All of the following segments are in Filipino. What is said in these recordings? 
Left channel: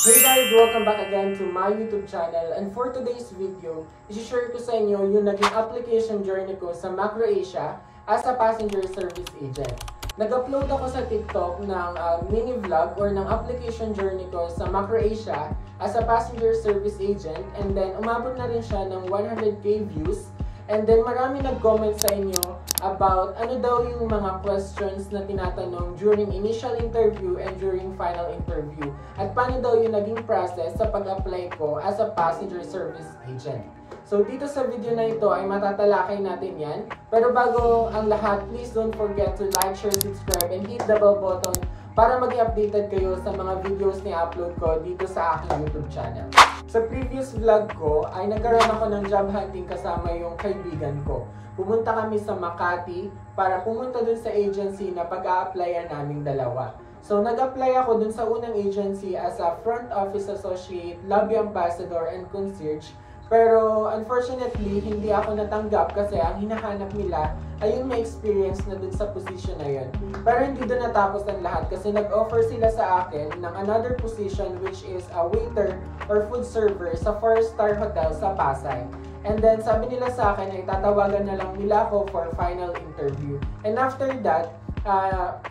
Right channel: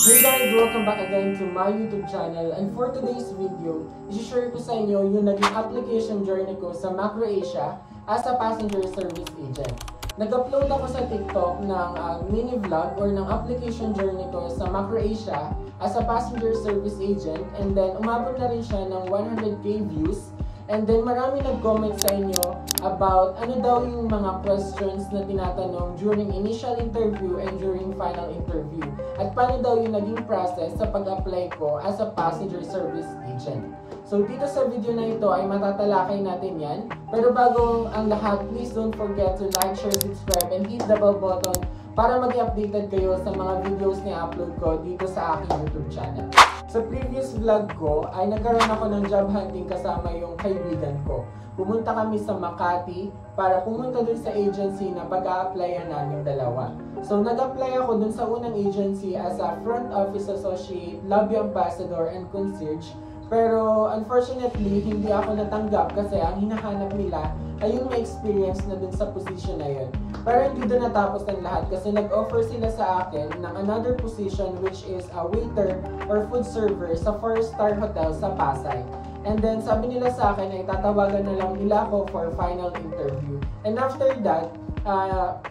Hey guys! Welcome back again to my YouTube channel, and for today's video, i-share ko sa inyo yung naging application journey ko sa MacroAsia as a passenger service agent. Nag-upload ako sa TikTok ng mini vlog or ng application journey ko sa MacroAsia as a passenger service agent, and then umabot na rin siya ng 100k views. And then marami nag-comment sa inyo about ano daw yung mga questions na tinatanong during initial interview and during final interview. At paano daw yung naging process sa pag-apply ko as a passenger service agent. So dito sa video na ito ay matatalakay natin yan. Pero bago ang lahat, please don't forget to like, share, subscribe, and hit the bell button para maging updated kayo sa mga videos na upload ko dito sa aking YouTube channel. Sa previous vlog ko ay nagkaroon ako ng job hunting kasama yung kaibigan ko. Pumunta kami sa Makati para pumunta dun sa agency na pag-a-applyan naming dalawa. So nag-apply ako dun sa unang agency as a front office associate, lobby ambassador, and concierge. Pero unfortunately, hindi ako natanggap kasi ang hinahanap nila ay yung may experience na dun sa position na yun. Pero hindi doon natapos ang lahat kasi nag-offer sila sa akin ng another position which is a waiter or food server sa 4-star hotel sa Pasay. And then sabi nila sa akin ay tatawagan na lang nila ako for final interview. And after that,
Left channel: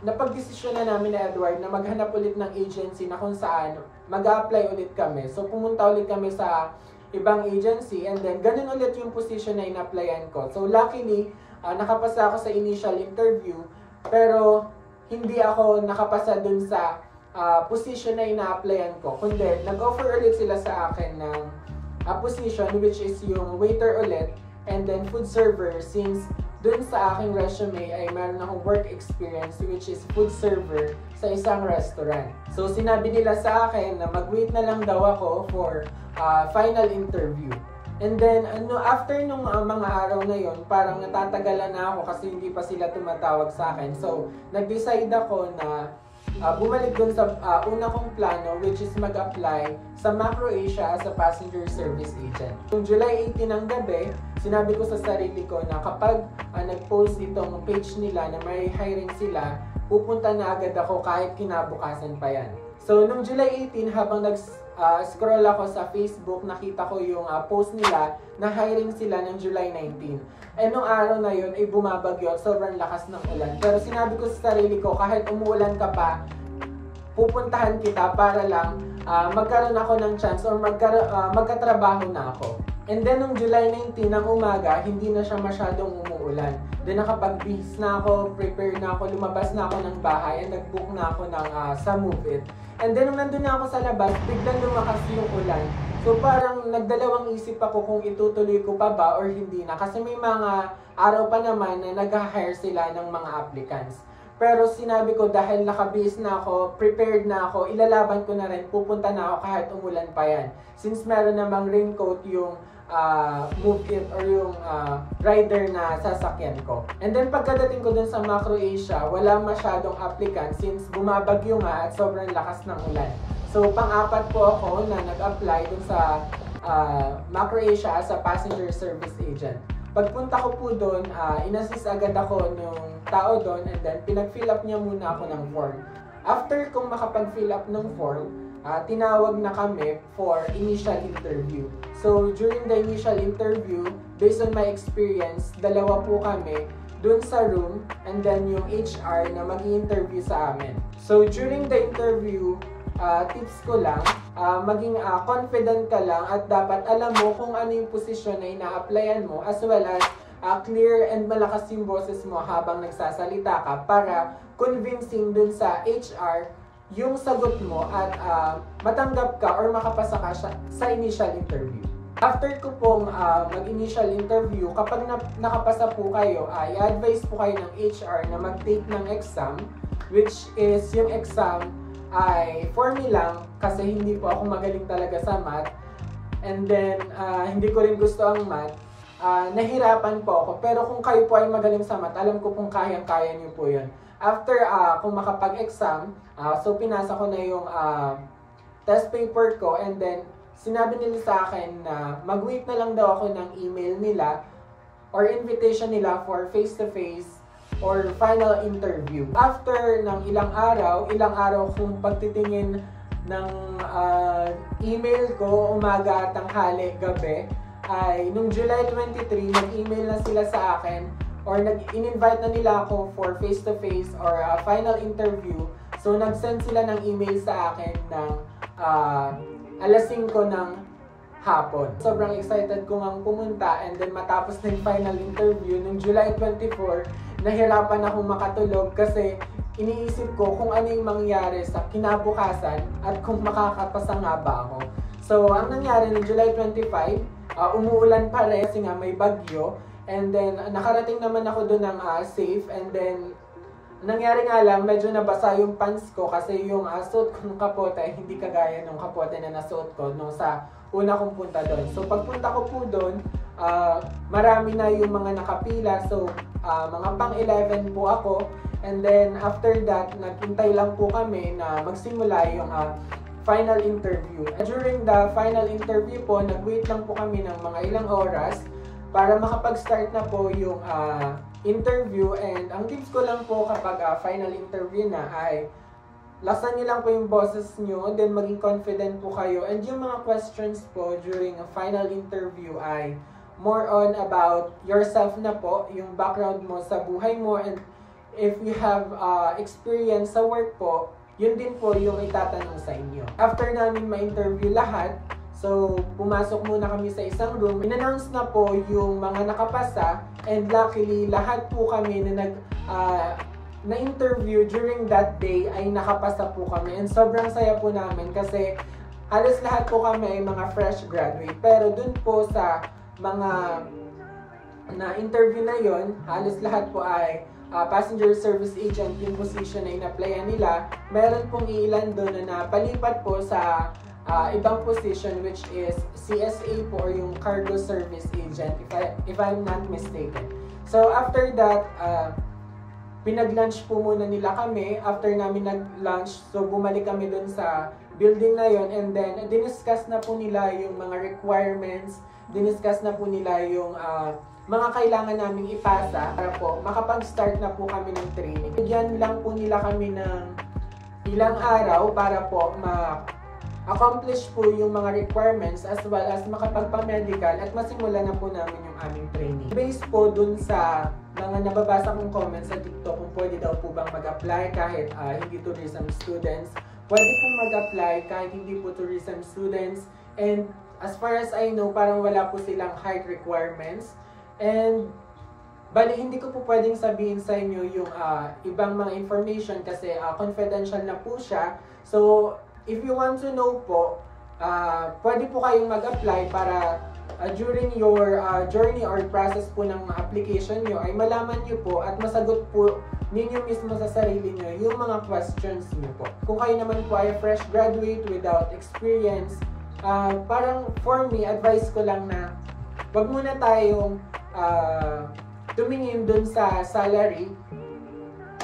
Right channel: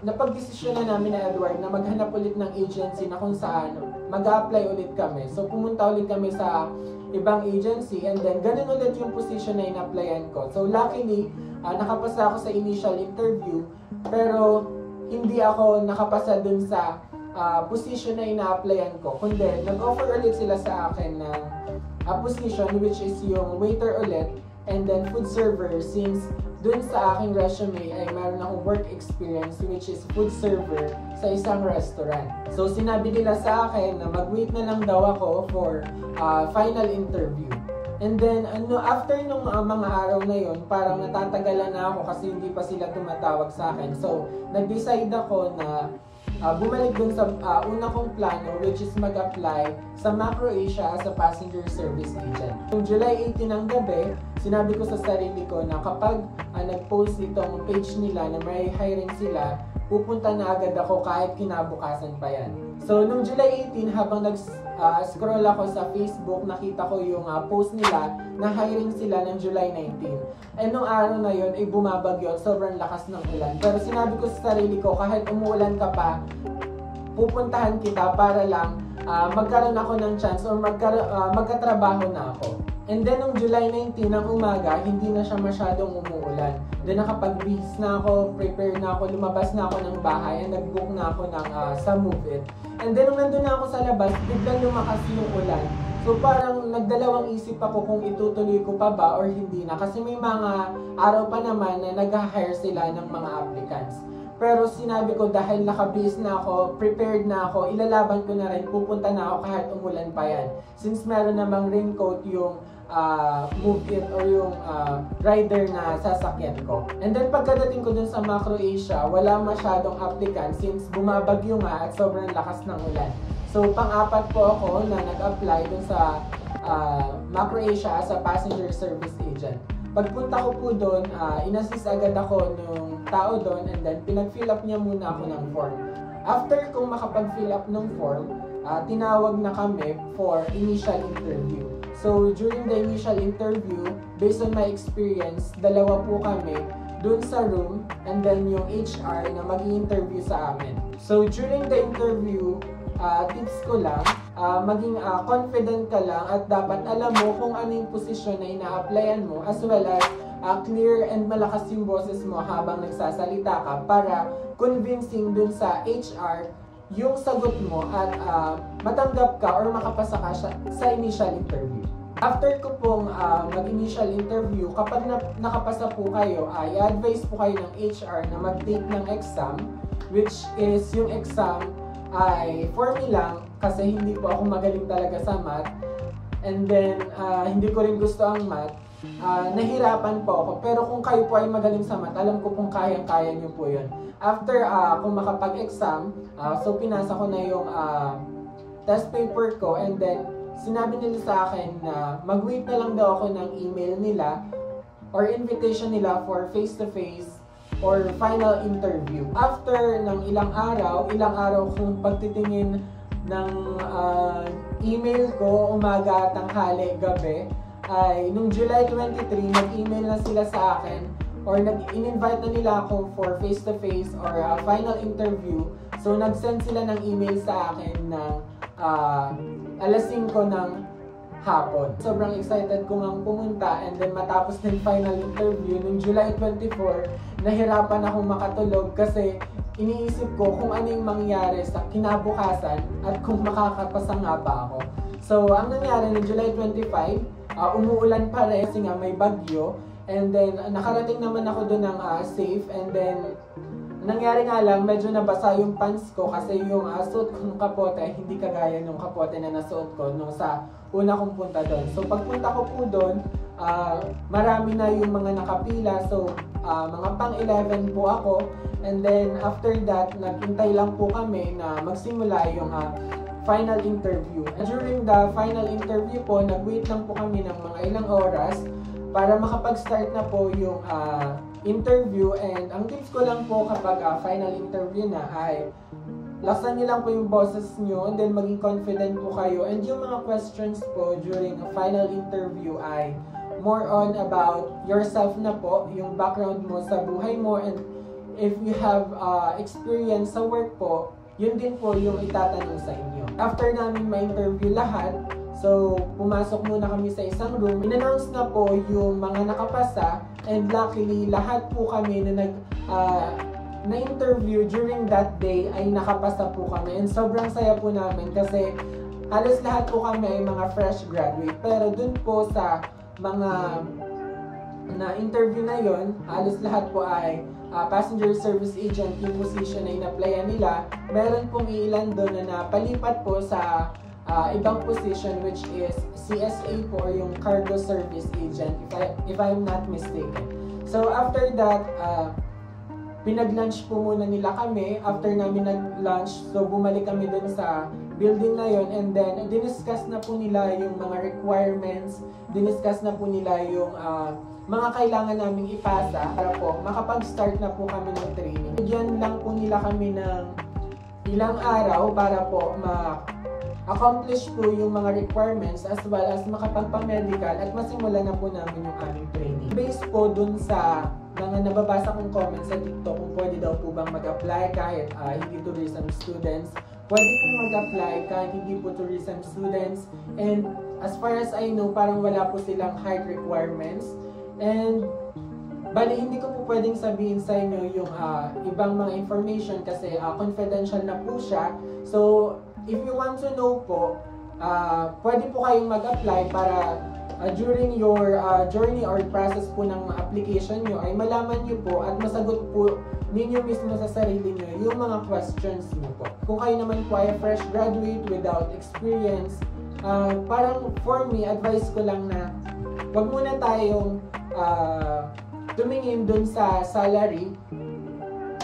napag-desisyon na namin na Edward na maghanap ulit ng agency na kung saan mag-a-apply ulit kami. So pumunta ulit kami sa ibang agency, and then ganun ulit yung position na in-applyan ko. So luckily, nakapasa ako sa initial interview, pero hindi ako nakapasa dun sa position na ina-applyan ko. Kundi nag-offer ulit sila sa akin ng position which is yung waiter ulit and then food server, since dun sa aking resume ay meron akong work experience which is food server sa isang restaurant. So sinabi nila sa akin na mag-wait na lang daw ako for final interview. And then after nung mga araw na yon, parang natatagalan na ako kasi hindi pa sila tumatawag sa akin. So nag-decide ako na bumalik dun sa una kong plano, which is mag-apply sa MacroAsia as a passenger service agent. Noong July 18 ng gabi, sinabi ko sa sarili ko na kapag nag-post itong page nila na may hiring sila, pupunta na agad ako kahit kinabukasan pa yan. So noong July 18, habang nag-scroll ako sa Facebook, nakita ko yung post nila na hiring sila ng July 19. And nung araw na yun ay bumabagyo, sobrang lakas ng ulan. Pero sinabi ko sa sarili ko, kahit umuulan ka pa, pupuntahan kita para lang magkaroon ako ng chance or magkatrabaho na ako. And then nung July 19 ng umaga, hindi na siya masyadong umuulan. Then nakapag-bihis na ako, prepare na ako, lumabas na ako ng bahay, and nag-book na ako ng sa Move It. And then nung nandun na ako sa labas, biglang lumakas yung ulan. So parang nagdalawang isip ako kung itutuloy ko pa ba or hindi na. Kasi may mga araw pa naman na nag-hire sila ng mga applicants. Pero sinabi ko dahil nakabase na ako, prepared na ako, ilalaban ko na rin, pupunta na ako kahit umulan pa yan. Since meron namang raincoat yung Move It or yung rider na sasakyan ko. And then pagkadating ko dun sa MacroAsia, wala masyadong applicant since bumabagyo nga at sobrang lakas ng ulan. So pang-apat po ako na nag-apply dun sa MacroAsia as a passenger service agent. Pagpunta ko po doon, inassist agad ako nung tao doon, and then pinag-fill up niya muna ako ng form. After kong makapag-fill up ng form, tinawag na kami for initial interview. So during the initial interview, based on my experience, dalawa po kami doon sa room, and then yung HR na mag-i-interview sa amin. So during the interview, tips ko lang, maging confident ka lang at dapat alam mo kung ano yung posisyon na ina-applyan mo, as well as clear and malakas yung boses mo habang nagsasalita ka para convincing dun sa HR yung sagot mo at matanggap ka or makapasa ka sa initial interview. After ko pong mag-initial interview, kapag nakapasa po kayo, i-advise po kayo ng HR na mag-take ng exam, which is yung exam ay for me lang kasi hindi po ako magaling talaga sa math, and then hindi ko rin gusto ang math. Nahirapan po ako, pero kung kayo po ay magaling sa math, alam ko pong kayang-kaya niyo po yun. After kung makapag-exam, so pinasa ko na yung test paper ko, and then sinabi nila sa akin na mag-wait na lang daw ako ng email nila or invitation nila for face-to-face or final interview. After ng ilang araw kung pagtitingin ng email ko umaga, tanghali, gabi ay nung July 23, nag-email na sila sa akin or nag-invite na nila ako for face-to-face or final interview. So nag-send sila ng email sa akin ng alas 5 ng hapon. Sobrang excited ko ngang pumunta and then matapos ng final interview nung July 24, nahirapan ako makatulog kasi iniisip ko kung ano yung mangyari sa kinabukasan at kung makakapasa nga ba ako. So, ang nangyari noong July 25, umuulan pa rin kasi nga may bagyo. And then, nakarating naman ako doon ng safe. And then, nangyari nga lang, medyo nabasa yung pants ko kasi yung suot ko ng kapote ay hindi kagaya ng kapote na nasuot ko nung sa una kong punta doon. So, pagpunta ko po doon, marami na yung mga nakapila. So, mga pang-11 po ako. And then, after that, naghintay lang po kami na magsimula yung final interview. And during the final interview po, nag-wait lang po kami ng mga ilang oras para makapag-start na po yung interview. And ang tips ko lang po kapag final interview na ay lasan niyo lang po yung boses niyo and then maging confident po kayo. And yung mga questions po during a final interview ay more on about yourself na po, yung background mo sa buhay mo, and if you have experience sa work po, yun din po yung itatanong sa inyo. After namin ma-interview lahat, so pumasok muna kami sa isang room. In-announce na po yung mga nakapasa and luckily lahat po kami na na-interview during that day ay nakapasa po kami. And sobrang saya po namin kasi halos lahat po kami ay mga fresh graduate. Pero dun po sa mga na-interview na yon, halos lahat po ay passenger service agent yung position na in-applyan nila. Meron pong ilan doon na napalipat po sa ibang position which is CSA po or yung cargo service agent if I'm not mistaken. So after that, pinag-lunch po muna nila kami. After namin nag-lunch, so bumalik kami doon sa building na yon and then diniscuss na po nila yung mga requirements, diniscuss na po nila yung mga kailangan naming ipasa para po makapag-start na po kami ng training. Bigyan lang po nila kami ng ilang araw para po ma-accomplish po yung mga requirements as well as makapagpa-medical at masimula na po namin yung aming training. Based po dun sa mga nababasa kong comments sa TikTok kung pwede daw po bang mag-apply kahit hindi tourism students. Pwede pong mag-apply kahit hindi po tourism students. And as far as I know, parang wala po silang height requirements. And bali, hindi ko po pwedeng sabihin sa inyo yung ibang mga information kasi confidential na po siya. So, if you want to know po, pwede po kayong mag-apply para during your journey or process po ng application nyo ay malaman nyo po at masagot po ninyo mismo sa sarili nyo yung mga questions nyo po. Kung kayo naman po ay fresh graduate without experience, parang for me, advice ko lang na wag muna tayong tumingin dun sa salary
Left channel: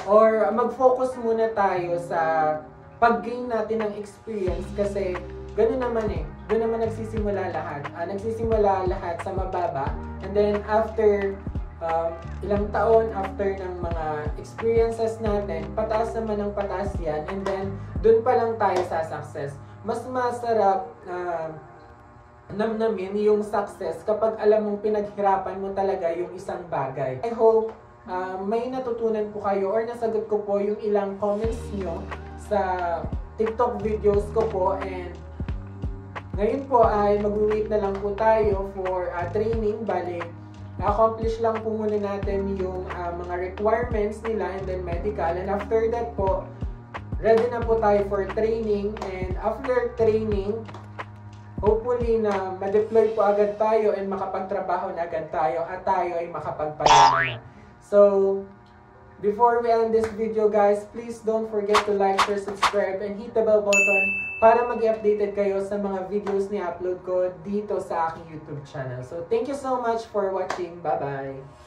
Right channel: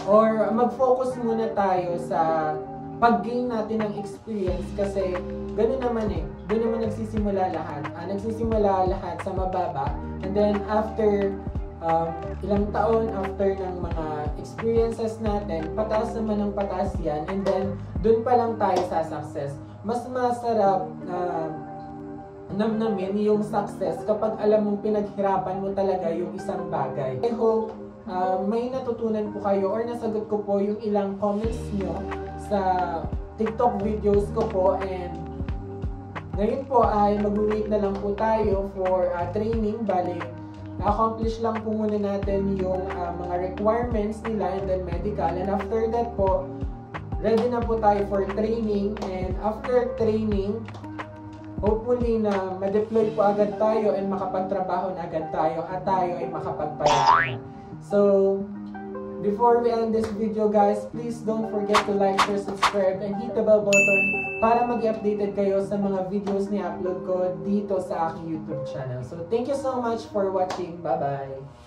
or mag-focus muna tayo sa pag-gain natin ng experience kasi gano'n naman doon naman nagsisimula lahat. Nagsisimula lahat sa mababa and then after ilang taon, after ng mga experiences natin, pataas naman ng pataas yan and then doon pa lang tayo sa success. Mas masarap namnamin yung success kapag alam mong pinaghirapan mo talaga yung isang bagay. I hope may natutunan po kayo or nasagot ko po yung ilang comments nyo sa TikTok videos ko po and ngayon po ay mag-wait na lang po tayo for training. Bali, na-accomplish lang po muna natin yung mga requirements nila and then medical and after that po, ready na po tayo for training and after training, hopefully na ma-deploy po agad tayo and makapagtrabaho na agad tayo at tayo ay makapagpalala. So, before we end this video guys, please don't forget to like, share, subscribe, and hit the bell button para mag-updated kayo sa mga videos ni upload ko dito sa aking YouTube channel. So, thank you so much for watching. Bye-bye!